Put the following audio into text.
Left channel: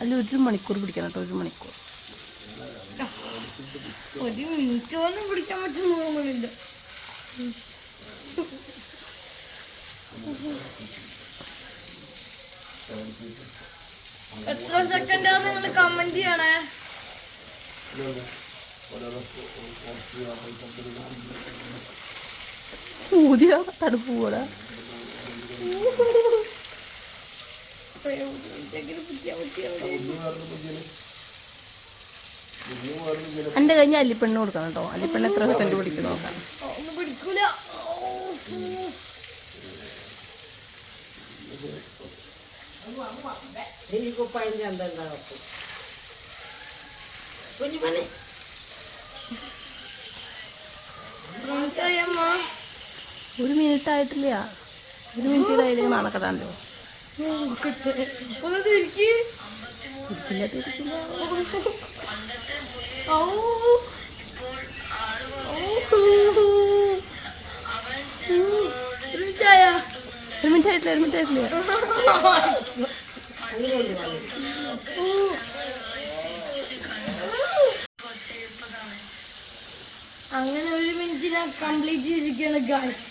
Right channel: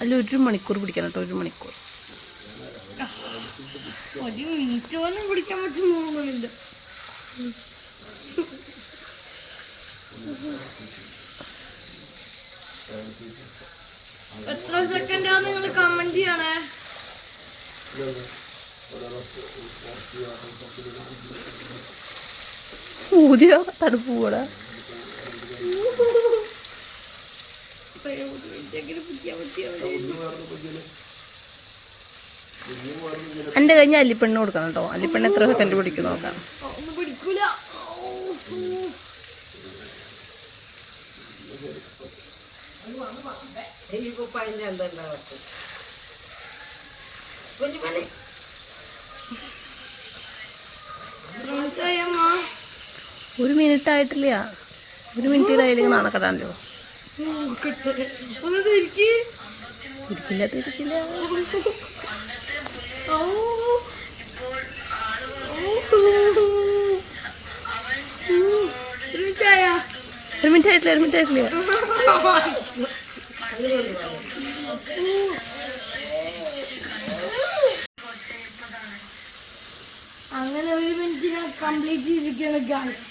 അല്ല 1 മണിക്കൂർ പിടിക്കണം കേട്ടോ, 1 മണിക്കൂർ. 1 മിനിറ്റ് പോലും പിടിക്കാൻ പറ്റുന്ന തോന്നുന്നില്ല. എത്ര സെക്കൻഡാണ് നിങ്ങൾ കമന്റ് ചെയ്യണേ? ഊതിയ തണുപ്പ് പോടാ. എൻ്റെ കഴിഞ്ഞ അല്ലിപ്പെണ്ണ് കൊടുക്കണം കേട്ടോ. അല്ലിപ്പെണ്ണ് എത്ര സെക്കൻഡ് പിടിക്കും നോക്കാം. പിടിക്കൂല. ഒരു മിനിറ്റ് ആയിട്ടില്ല. 1 മിനിറ്റ് ഇതായില്ലെങ്കിൽ നാണക്കെട്ടാണല്ലോ. ഇരിക്കില്ല തിരിക്കില്ല. 1 മിനിറ്റ് ആയിട്ടില്ല. 1 മിനിറ്റ് ആയിട്ടില്ല. അങ്ങനെ 1 മിനിറ്റിനെ കംപ്ലീറ്റ് ചെയ്തിരിക്കുകയാണ് ഗായ്സ്.